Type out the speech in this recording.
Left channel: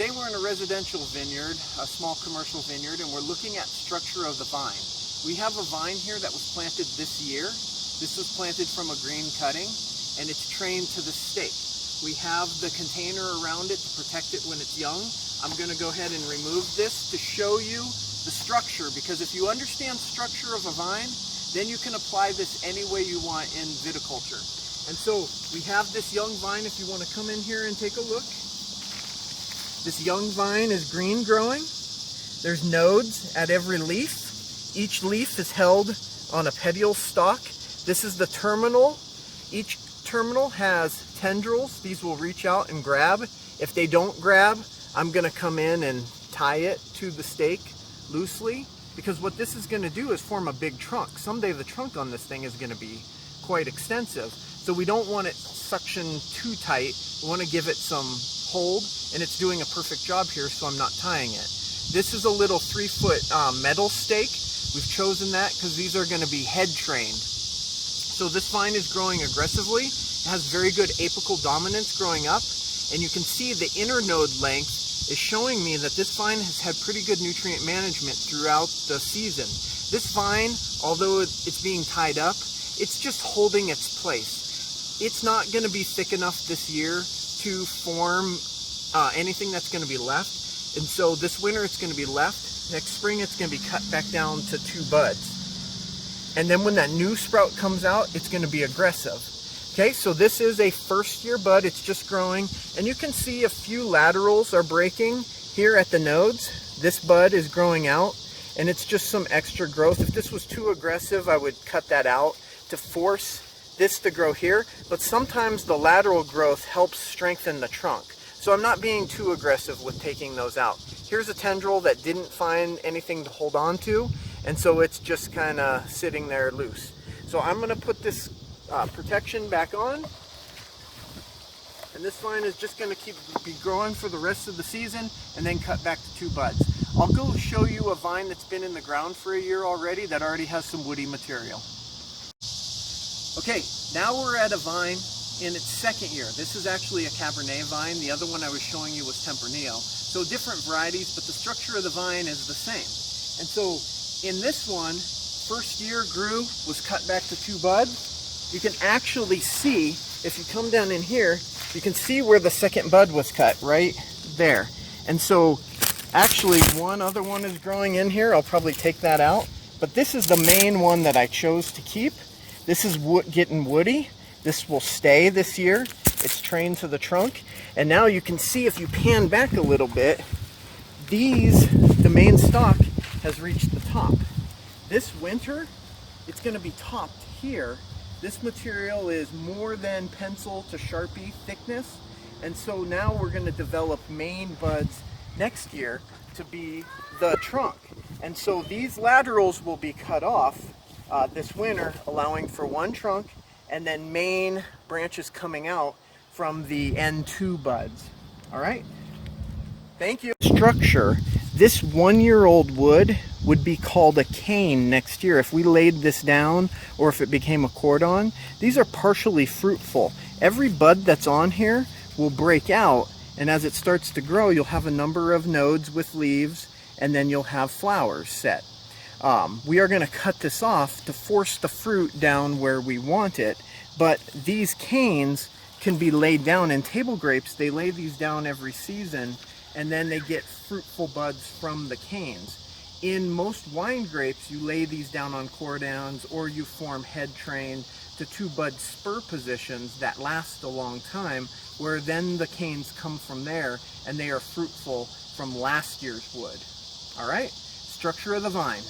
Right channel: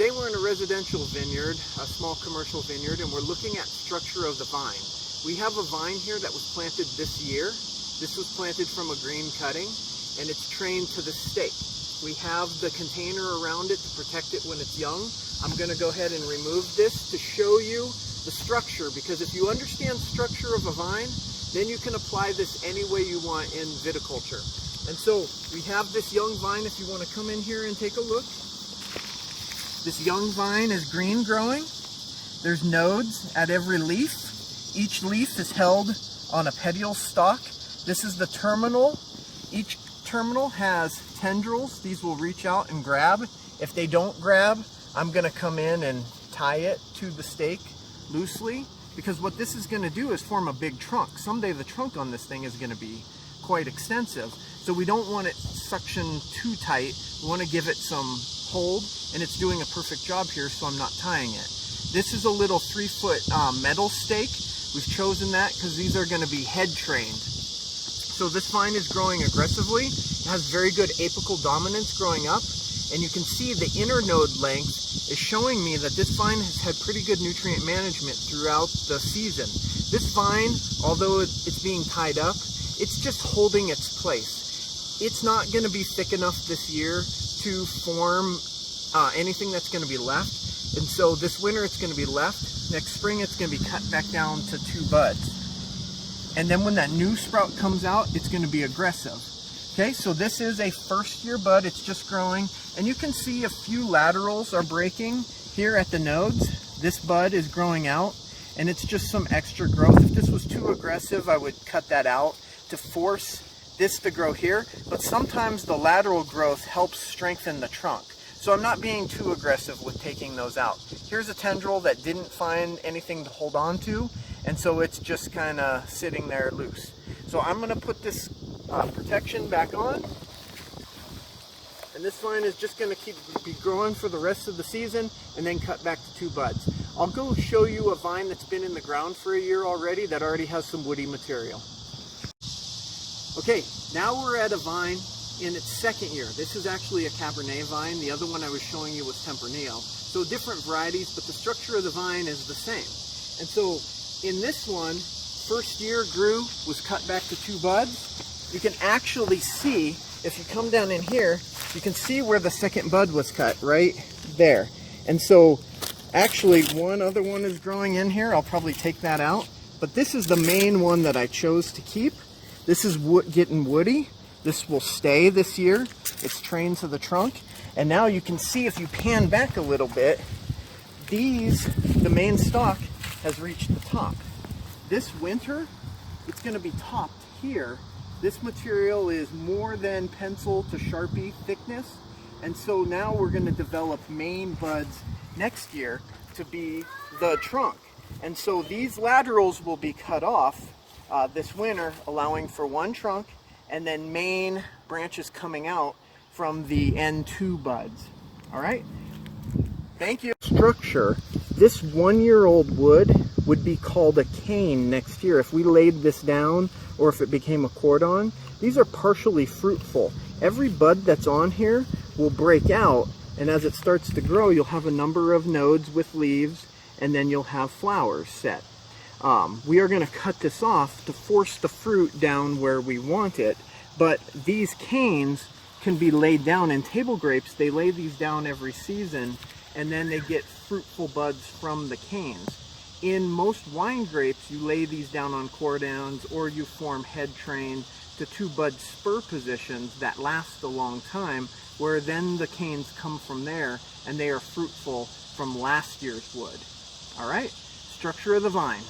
Today we're in a residential vineyard, a small commercial vineyard, and we're looking at structure of the vine. We have a vine here that was planted this year. This was planted from a green cutting, and it's trained to the stake. We have the container around it to protect it when it's young. I'm going to go ahead and remove this to show you the structure, because if you understand structure of a vine, then you can apply this any way you want in viticulture. And so we have this young vine. If you want to come in here and take a look. This young vine is green growing. There's nodes at every leaf. Each leaf is held on a petiole stalk. This is the terminal. Each terminal has tendrils. These will reach out and grab. If they don't grab, I'm going to come in and tie it to the stake loosely, because what this is going to do is form a big trunk. Someday the trunk on this thing is going to be quite extensive. So we don't want it suctioned too tight. We want to give it some hold, and it's doing a perfect job here, so I'm not tying it. This is a little 3-foot metal stake. We've chosen that because these are going to be head trained. So this vine is growing aggressively. It has very good apical dominance growing up, and you can see the inner node length is showing me that this vine has had pretty good nutrient management throughout the season. This vine, although it's being tied up, it's just holding its place. It's not going to be thick enough this year to form anything that's going to be left, and so this winter it's going to be left. Next spring it's going to be cut back down to 2 buds, and then when that new sprout comes out, it's going to be aggressive. Okay, so this is a first year bud. It's just growing, and you can see a few laterals are breaking here at the nodes. This bud is growing out, and it's just some extra growth. If this was too aggressive, I would cut that out to force this to grow here, but sometimes the lateral growth helps strengthen the trunk. So I'm not being too aggressive with taking those out. Here's a tendril that didn't find anything to hold on to, and so it's just kind of sitting there loose. So I'm going to put this protection back on, and this vine is just going to be growing for the rest of the season, and then cut back to 2 buds. I'll go show you a vine that's been in the ground for a year already that already has some woody material. Okay, now we're at a vine in its 2nd year. This is actually a Cabernet vine. The other one I was showing you was Tempranillo. So different varieties, but the structure of the vine is the same. And so in this one, first year grew, was cut back to 2 buds. You can actually see, if you come down in here, you can see where the 2nd bud was cut, right there. And so actually one other one is growing in here. I'll probably take that out. But this is the main one that I chose to keep. This is getting woody. This will stay this year. It's trained to the trunk. And now you can see, if you pan back a little bit, the main stalk has reached the top. This winter, it's going to be topped here. This material is more than pencil to Sharpie thickness. And so now we're going to develop main buds next year to be the trunk. And so these laterals will be cut off this winter, allowing for 1 trunk, and then main branches coming out from the N2 buds. All right, thank you. Structure, this 1-year-old wood would be called a cane next year if we laid this down, or if it became a cordon. These are partially fruitful. Every bud that's on here will break out, and as it starts to grow, you'll have a number of nodes with leaves, and then you'll have flowers set. We are going to cut this off to force the fruit down where we want it, but these canes can be laid down. In table grapes, they lay these down every season, and then they get fruitful buds from the canes. In most wine grapes, you lay these down on cordons, or you form head trained to 2 bud spur positions that last a long time, where then the canes come from there, and they are fruitful from last year's wood. All right, structure of the vine.